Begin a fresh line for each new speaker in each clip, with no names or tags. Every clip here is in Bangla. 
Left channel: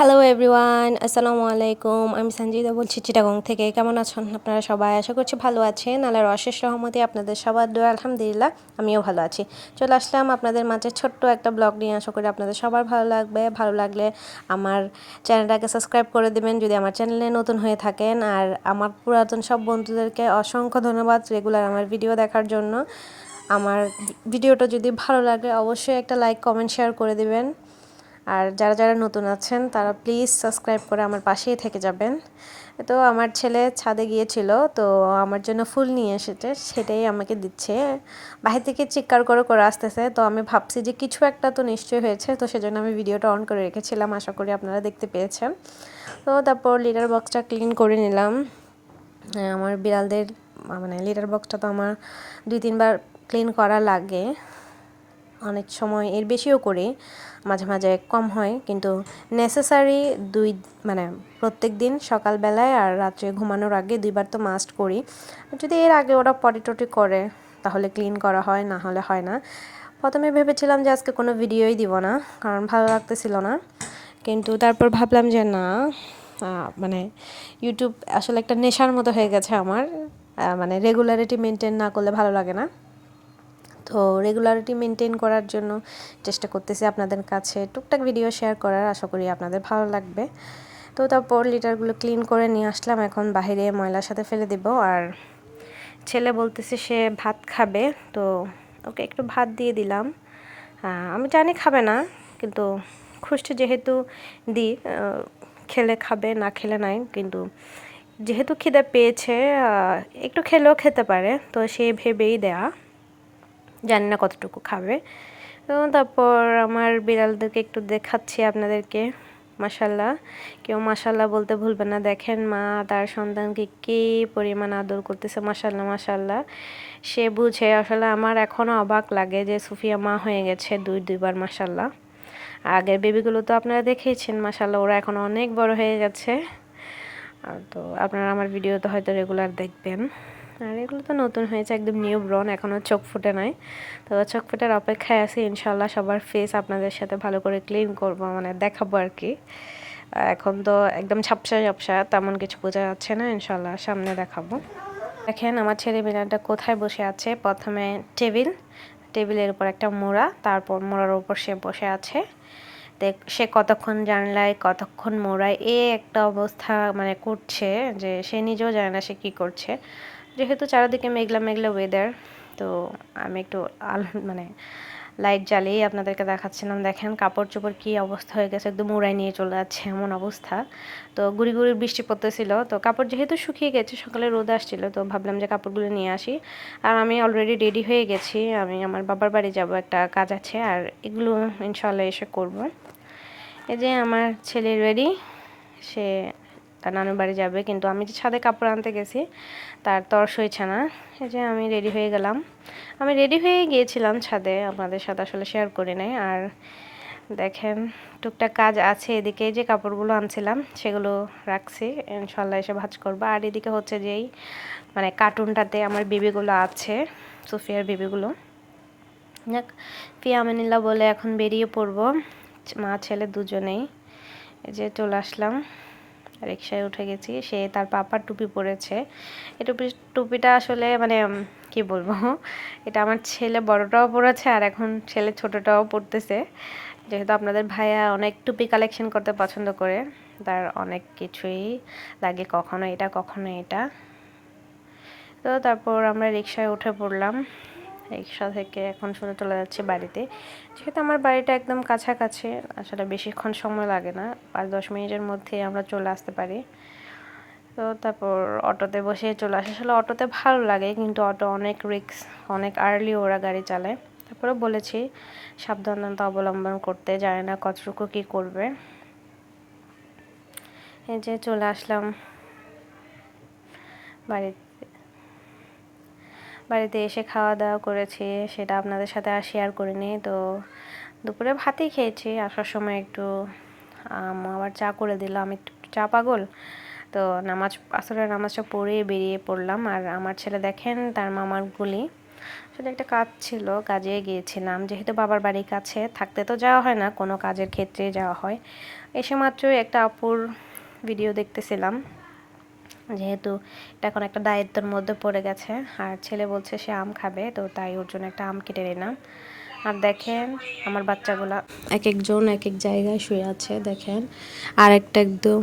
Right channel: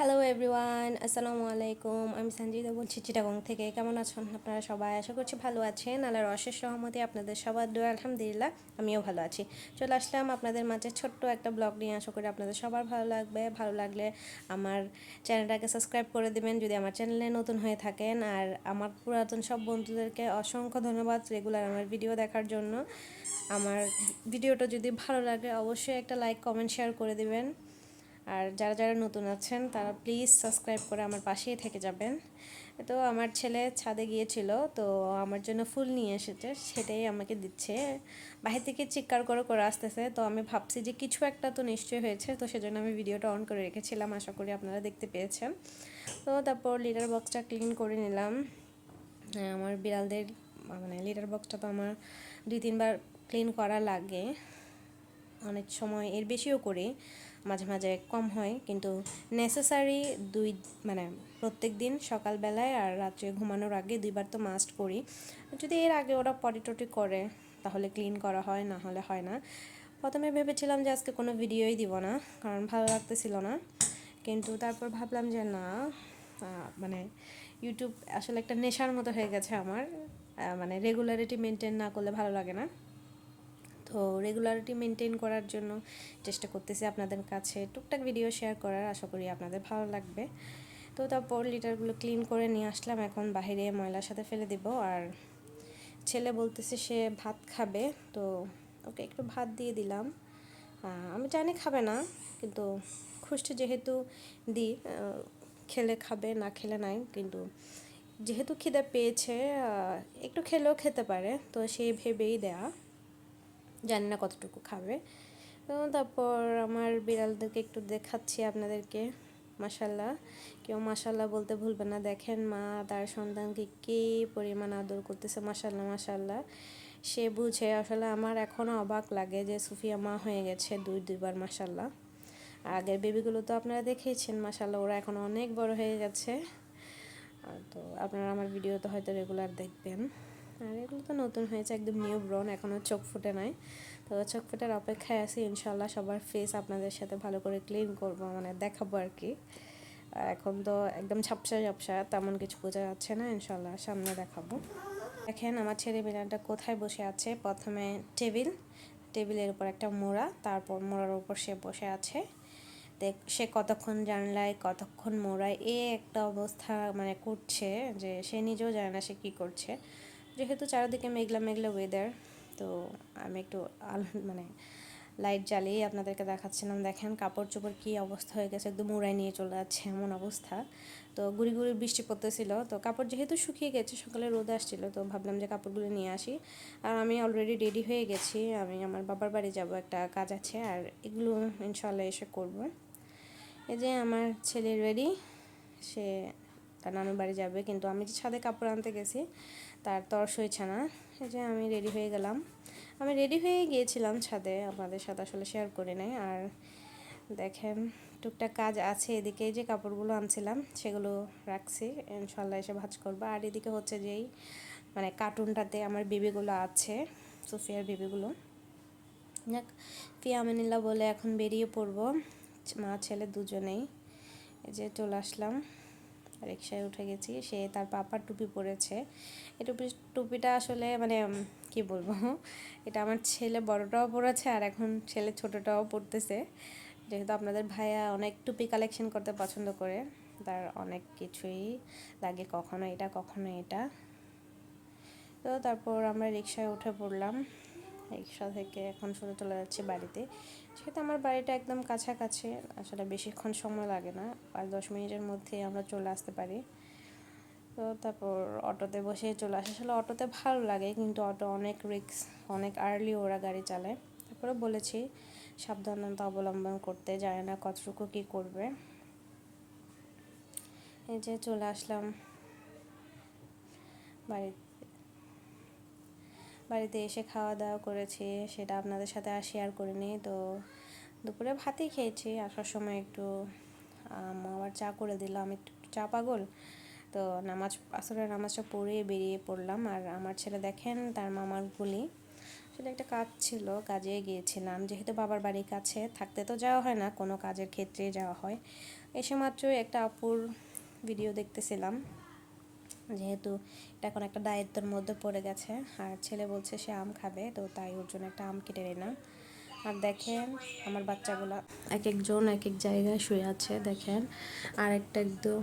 হ্যালো এভরিওয়ান আসসালামু আলাইকুম আমি সঞ্জিদা বলছি চিটাগং থেকে। কেমন আছেন আপনারা সবাই? আশা করছি ভালো আছেন। আল্লাহর অশেষ রহমতে আপনাদের সবার দোয়া, আলহামদুলিল্লাহ, আমিও ভালো আছি। চলে আসলাম আপনাদের মাঝে ছোট্ট একটা ব্লগ নিয়ে। আশা করি আপনাদের সবার ভালো লাগবে। ভালো লাগলে আমার চ্যানেলটাকে সাবস্ক্রাইব করে দেবেন যদি আমার চ্যানেলে নতুন হয়ে থাকেন। আর আমার পুরাতন সব বন্ধুদেরকে অসংখ্য ধন্যবাদ রেগুলার আমার ভিডিও দেখার জন্য। আমার ভিডিওটা যদি ভালো লাগে, অবশ্যই একটা লাইক, কমেন্ট, শেয়ার করে দেবেন। আর যারা যারা নতুন আছেন, তারা প্লিজ সাবস্ক্রাইব করে আমার পাশেই থেকে যাবেন। তো আমার ছেলে ছাদে গিয়েছিল, তো আমার জন্য ফুল নিয়ে এসেছে, সেটাই আমাকে দিচ্ছে। বাহির থেকে চিৎকার করে করে আসতেছে, তো আমি ভাবছি যে কিছু একটা তো নিশ্চয়ই হয়েছে, তো সেজন্য আমি ভিডিওটা অন করে রেখেছিলাম, আশা করি আপনারা দেখতে পেয়েছেন। তো তারপর লিটার বক্সটা ক্লিন করে নিলাম। আমার বিড়ালদের মানে লিটার বক্সটা তো আমার দুই, তিনবার ক্লিন করা লাগে। অনেক সময় এর বেশিও করি, মাঝে মাঝে কম হয়, কিন্তু নেসেসারি দুই মানে প্রত্যেক দিন সকালবেলায় আর রাত্রে ঘুমানোর আগে দুইবার তো মাস্ট করি। যদি এর আগে ওরা পটি টটি করে, তাহলে ক্লিন করা হয়, না হলে হয় না। প্রথমে ভেবেছিলাম যে আজকে কোনো ভিডিওই দিব না, কারণ ভালো লাগতেছিল না। কিন্তু তারপর ভাবলাম যে না মানে ইউটিউব আসলে একটা নেশার মতো হয়ে গেছে আমার মানে রেগুলারিটি মেনটেন না করলে ভালো লাগে না। তো রেগুলারিটি মেনটেন করার জন্য চেষ্টা করতেছি আপনাদের কাছে টুকটাক ভিডিও শেয়ার করার, আশা করি আপনাদের ভালো লাগবে। তো তারপর লিটারগুলো ক্লিন করে নিয়ে আসলাম, এখন বাহিরে ময়লার সাথে ফেলে দেব। আর ছেলে বলতেছে সে ভাত খাবে, তো ওকে একটু ভাত দিয়ে দিলাম। আমি জানি খাবে না, কিন্তু খুশটি যেহেতু দিই খেলে খাবে, না খেলে নাই, কিন্তু যেহেতু খিদে পেয়েছে একটু খেলেও খেতে পারে, তো সে ভেবেই দেয়া। জানি না কতটুকু খাবে। এবং তারপর আমার বিড়ালদেরকে একটু দেখাচ্ছি আপনাদেরকে মাসাল্লাহ কেউ মাসাল্লাহ বলতে ভুলবেন না, দেখেন মা তার সন্তানকে কী পরিমাণ আদর করতেছে মাসাল্লাহ মাসাল্লাহ সে বুঝে, আসলে আমার এখনও অবাক লাগে যে সুফিয়া মা হয়ে গেছে দুই, দুইবার মাসাল্লাহ আগের বেবিগুলো তো আপনারা দেখেইছেন মাসাল্লাহ ওরা এখন অনেক বড় হয়ে গেছে। তো আপনারা আমার ভিডিও তো হয়তো রেগুলার দেখবেন। আর এগুলো তো নতুন হয়েছে, একদম নিউ ব্রন এখনও চোখ ফুটে নাই। তো চোখ ফুটার অপেক্ষায় আছি ইনশাল্লাহ সবার ফেস আপনাদের সাথে ভালো করে ক্লিন করব মানে দেখাবো আর কি। এখন তো একদম ঝাপসা ঝাপসা, তেমন কিছু বোঝা যাচ্ছে না ইনশাল্লাহ সামনে দেখাবো। দেখেন আমার ছেলে মেয়েটা কোথায় বসে আছে? প্রথমে টেবিল, টেবিলের উপর একটা মোড়া, তারপর মোড়ার উপর সে বসে আছে। দেখ, সে কতক্ষণ জানলায়, কতক্ষণ মোড়ায়, এ একটা অবস্থা মানে করছে যে সে নিজেও জানে না সে কী করছে। যেহেতু চারিদিকে মেঘলা মেঘলা ওয়েদার তো আমি একটু আল মানে লাইট জ্বালিয়েই আপনাদেরকে দেখাচ্ছিলাম। দেখেন কাপড় চোপড় কী অবস্থা হয়ে গেছে, একদম উড়াই নিয়ে চলে যাচ্ছে এমন অবস্থা। তো গুড়ি গুড়ি বৃষ্টি পড়তেছিল, তো কাপড় যেহেতু শুকিয়ে গেছে, সকালে রোদ আসছিল, তো ভাবলাম যে কাপড়গুলো নিয়ে আসি। আর আমি অলরেডি রেডি হয়ে গেছি, আমি আমার বাবার বাড়ি যাব, একটা কাজ আছে, আর এগুলো ইনশাল্লাহ এসে করব। এই যে আমার ছেলে রেডি সে তার নানুর বাড়ি যাবে। কিন্তু আমি যে ছাদে কাপড় আনতে গেছি, তার তর্স হয়েছে না। এই যে আমি রেডি হয়ে গেলাম। আমি রেডি হয়ে গিয়েছিলাম ছাদে। আপনাদের সাথে আসলে শেয়ার করি নাই। আর দেখেন, টুকটাক কাজ আছে এদিকে। যে কাপড়গুলো আনছিলাম, সেগুলো রাখছি। ইনশাল্লাহ এসে ভাজ করব। আর এদিকে হচ্ছে যেই মানে কার্টুনটাতে আমার বেবিগুলো আছে, সুফিয়ার বেবিগুলো। যাক ফিয়ামিনিল্লা বলে এখন বেরিয়ে পড়ব। মা, ছেলে দুজনেই। এই যে চলে আসলাম। রিক্সায় উঠে গেছি। সে তার পাপার টুপি পরেছে। এই টুপি, টুপিটা আসলে মানে কি বলব? এটা আমার ছেলে বড়টাও পরেছে আর এখন ছেলে ছোটটাও পড়তেছে যেহেতু আপনাদের ভাইয়া অনেক টুপি কালেকশন করতে পছন্দ করে, তার অনেক কিছুই লাগে কখনো এটা কখনো এটা। তো তারপর আমরা রিক্সায় উঠে পড়লাম। রিক্সা থেকে এখন শুনে চলে যাচ্ছি বাড়িতে। যেহেতু আমার বাড়িটা একদম কাছাকাছি, আসলে বেশিক্ষণ সময় লাগে না, পাঁচ দশ মিনিটের মধ্যে আমরা চলে আসতে পারি। তো তারপর অটোতে বসে চলে আসে। আসলে অটোতে ভালো লাগে, কিন্তু অটো অনেক রিক্স অনেক আর্লি ওরা গাড়ি চালায়। তারপরে বলেছি, সাবধানতা অবলম্বন করতে, জানে না কতটুকু কী করবে। এই যে চলে আসলাম বাড়িতে। বাড়িতে এসে খাওয়া দাওয়া করেছি, সেটা আপনাদের সাথে আর শেয়ার করিনি। তো দুপুরে ভাতই খেয়েছি, আসার সময় একটু আবার চা করে দিল আমি একটু চা পাগল। তো নামাজ, আসরের নামাজটা পড়ে বেরিয়ে পড়লাম, আর আমার ছেলে দেখেন, তার মামার গুলি। আসলে একটা কাজ ছিল, কাজে গিয়েছিলাম, যেহেতু বাবার বাড়ির কাছে, থাকতে তো যাওয়া হয় না, কোনো কাজের ক্ষেত্রে যাওয়া হয়। এসে মাত্রই একটা আপুর ভিডিও দেখতেছিলাম। যেহেতু এটা এখন একটা দায়িত্বের মধ্যে পড়ে গেছে। আর ছেলে বলছে সে আম খাবে, তো তাই ওর জন্য একটা আম কেটে নিলাম। আর দেখেন আমার বাচ্চাগুলা এক একজন এক এক জায়গায় শুয়ে আছে, দেখেন। আর একটা একদম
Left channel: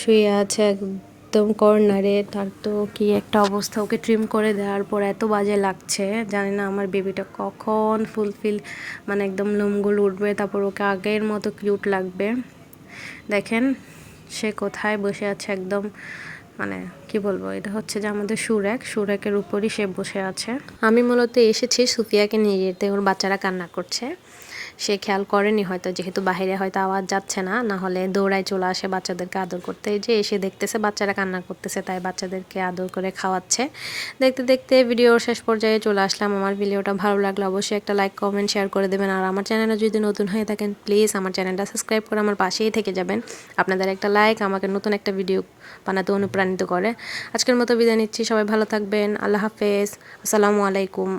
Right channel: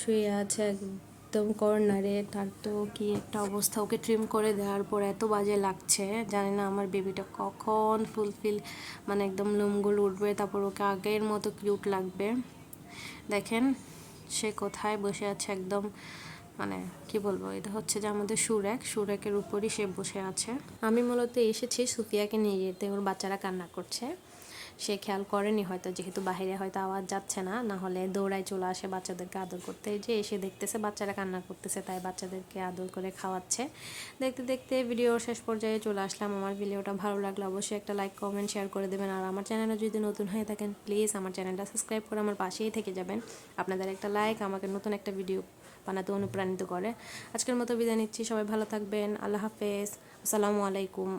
শুয়ে আছে একদম কর্নারে, তার তো কি একটা অবস্থা, ওকে ট্রিম করে দেওয়ার পর এত বাজে লাগছে। জানি না আমার বেবিটা কখন ফুলফিল মানে একদম লোমগুলো উঠবে, তারপর ওকে আগের মতো কিউট লাগবে। দেখেন সে কোথায় বসে আছে একদম মানে কি বলব, এটা হচ্ছে যে আমাদের সুরেক, সুরেকের উপরই সে বসে আছে। আমি মূলত এসেছি সুফিয়াকে নিয়ে যেতে, ওর বাচ্চারা কান্না করছে। সে খেয়াল করেনি হয়তো, যেহেতু বাইরে হয়তো আওয়াজ যাচ্ছে না না হলে দৌড়ায় চলে আসে বাচ্চাদেরকে আদর করতে। যে এসে দেখতেছে, বাচ্চারা কান্না করতেছে, তাই বাচ্চাদেরকে আদর করে খাওয়াচ্ছে। দেখতে দেখতে ভিডিওর শেষ পর্যায়ে চলে আসলাম। আমার ভিডিওটা ভালো লাগলে অবশ্যই একটা লাইক কমেন্ট শেয়ার করে দেবেন। আর আমার চ্যানেলে যদি নতুন হয়ে থাকেন প্লিজ আমার চ্যানেলটা সাবস্ক্রাইব করে আমার পাশেই থেকে যাবেন। আপনাদের একটা লাইক আমাকে নতুন একটা ভিডিও বানাতে অনুপ্রাণিত করে। আজকের মতো বিদায় নিচ্ছি। সবাই ভালো থাকবেন। আল্লাহ হাফেজ। আসসালামু আলাইকুম।